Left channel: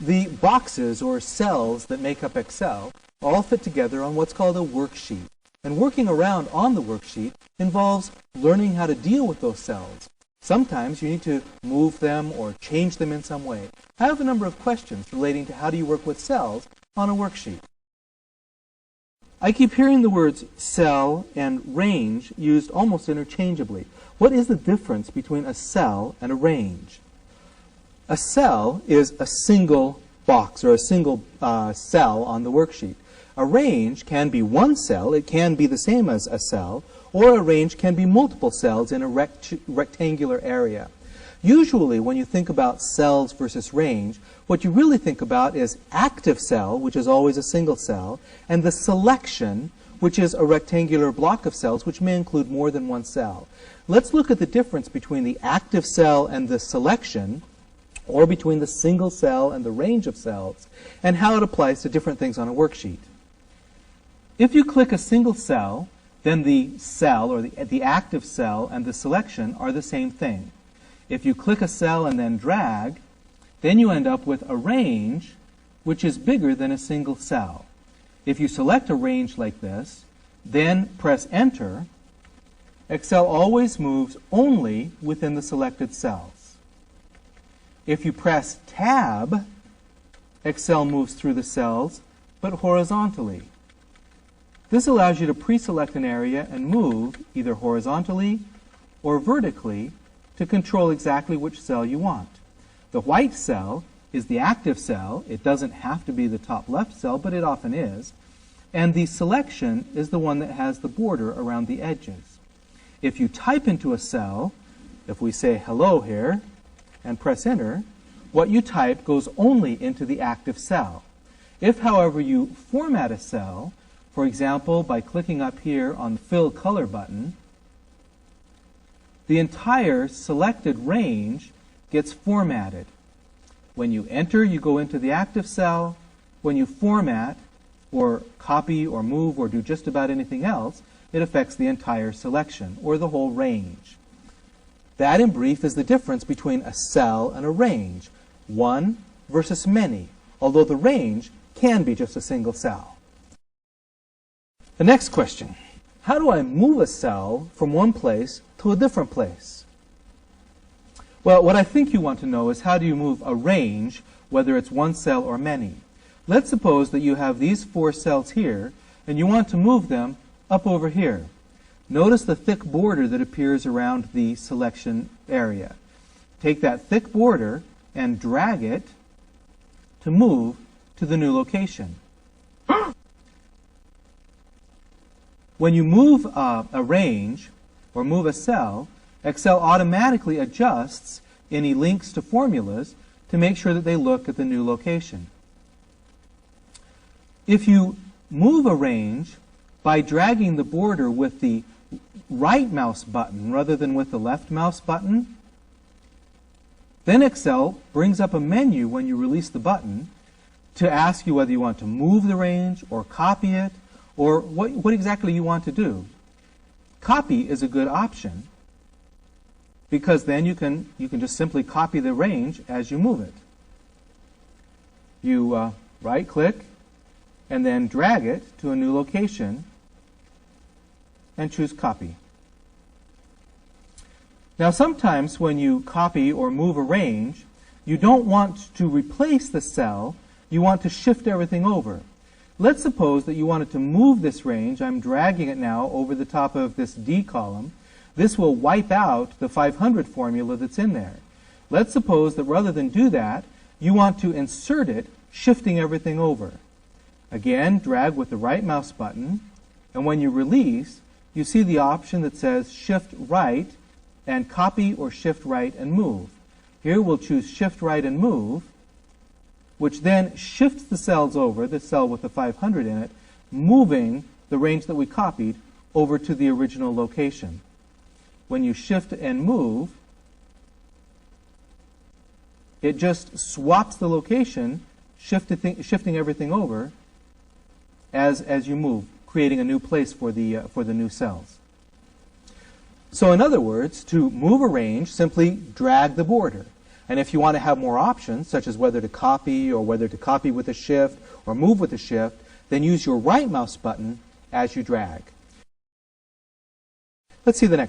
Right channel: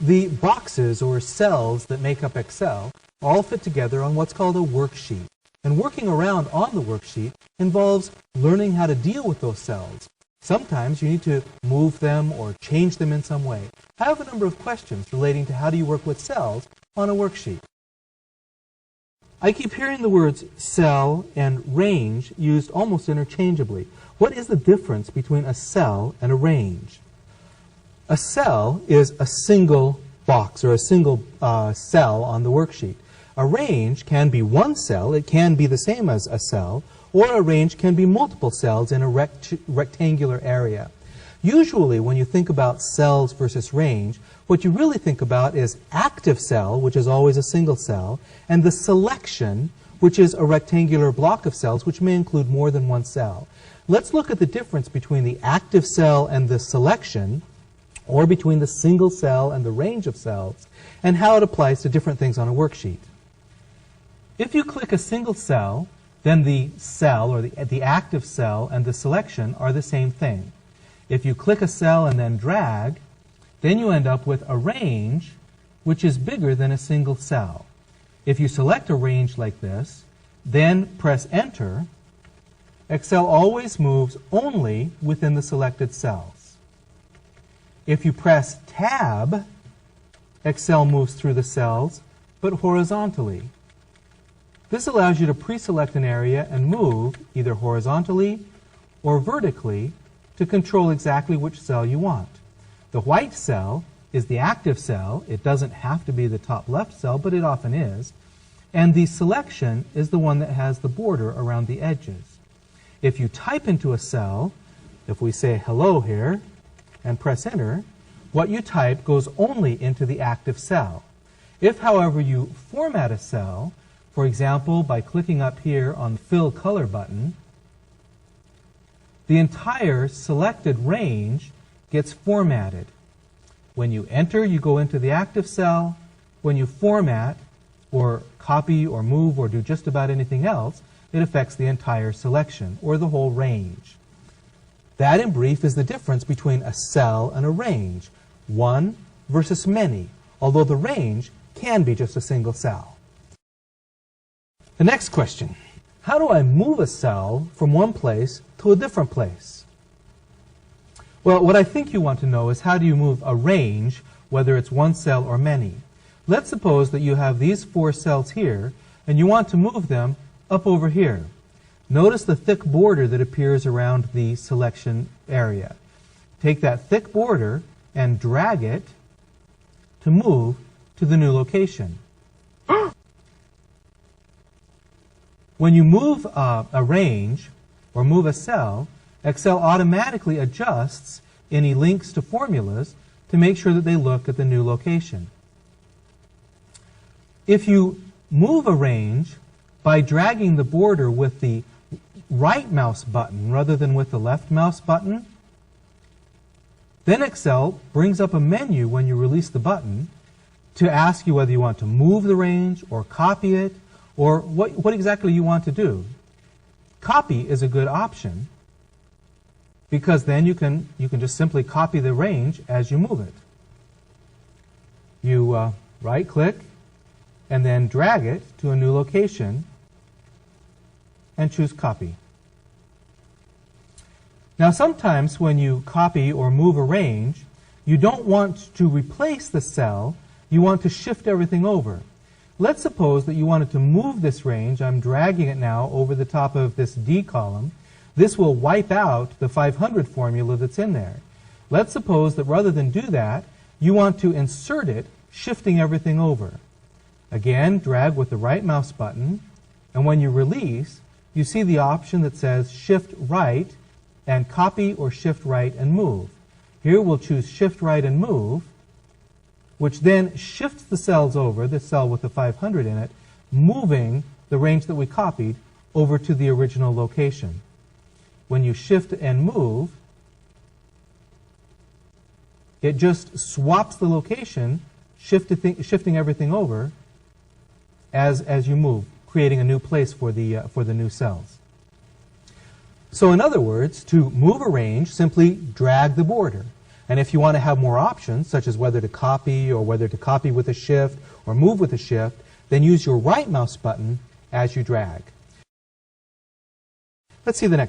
The boxes or cells that make up Excel all fit together on what's called a worksheet. And working around on the worksheet involves learning how to deal with those cells. Sometimes you need to move them or change them in some way. I have a number of questions relating to how do you work with cells on a worksheet. I keep hearing the words cell and range used almost interchangeably. What is the difference between a cell and a range? A cell is a single box or a single cell on the worksheet. A range can be one cell, it can be the same as a cell, or a range can be multiple cells in a rectangular area. Usually when you think about cells versus range, what you really think about is active cell, which is always a single cell, and the selection, which is a rectangular block of cells, which may include more than one cell. Let's look at the difference between the active cell and the selection, or between the single cell and the range of cells, and how it applies to different things on a worksheet. If you click a single cell, then the cell, or the active cell, and the selection are the same thing. If you click a cell and then drag, then you end up with a range which is bigger than a single cell. If you select a range like this, then press Enter, Excel always moves only within the selected cells. If you press Tab, Excel moves through the cells, but horizontally. This allows you to pre-select an area and move either horizontally or vertically to control exactly which cell you want. The white cell is the active cell. It doesn't have to be the top left cell, but it often is. And the selection is the one that has the border around the edges. If you type into a cell, if we say hello here, and press Enter, what you type goes only into the active cell. If, however, you format a cell, for example, by clicking up here on the Fill Color button, the entire selected range gets formatted. When you enter, you go into the active cell. When you format, or copy, or move, or do just about anything else, it affects the entire selection, or the whole range. That, in brief, is the difference between a cell and a range. One versus many, although the range can be just a single cell. The next question, how do I move a cell from one place to a different place? Well, what I think you want to know is how do you move a range, whether it's one cell or many. Let's suppose that you have these 4 cells here, and you want to move them up over here. Notice the thick border that appears around the selection area. Take that thick border and drag it to move to the new location. When you move a range or move a cell, Excel automatically adjusts any links to formulas to make sure that they look at the new location. If you move a range by dragging the border with the right mouse button rather than with the left mouse button, then Excel brings up a menu when you release the button to ask you whether you want to move the range or copy it or what exactly you want to do. Copy is a good option because then you can just simply copy the range as you move it. You right-click and then drag it to a new location and choose Copy. Now sometimes when you copy or move a range, you don't want to replace the cell, you want to shift everything over. Let's suppose that you wanted to move this range. I'm dragging it now over the top of this D column. This will wipe out the 500 formula that's in there. Let's suppose that rather than do that, you want to insert it, shifting everything over. Again, drag with the right mouse button, and when you release, you see the option that says Shift Right and Copy or Shift Right and Move. Here we'll choose Shift Right and Move, which then shifts the cells over, the cell with the 500 in it, moving the range that we copied over to the original location. When you shift and move, it just swaps the location, shifting everything over as you move, creating a new place for the new cells. So in other words, to move a range, simply drag the border. And if you want to have more options, such as whether to copy or whether to copy with a shift or move with a shift, then use your right mouse button as you drag. Let's see the next.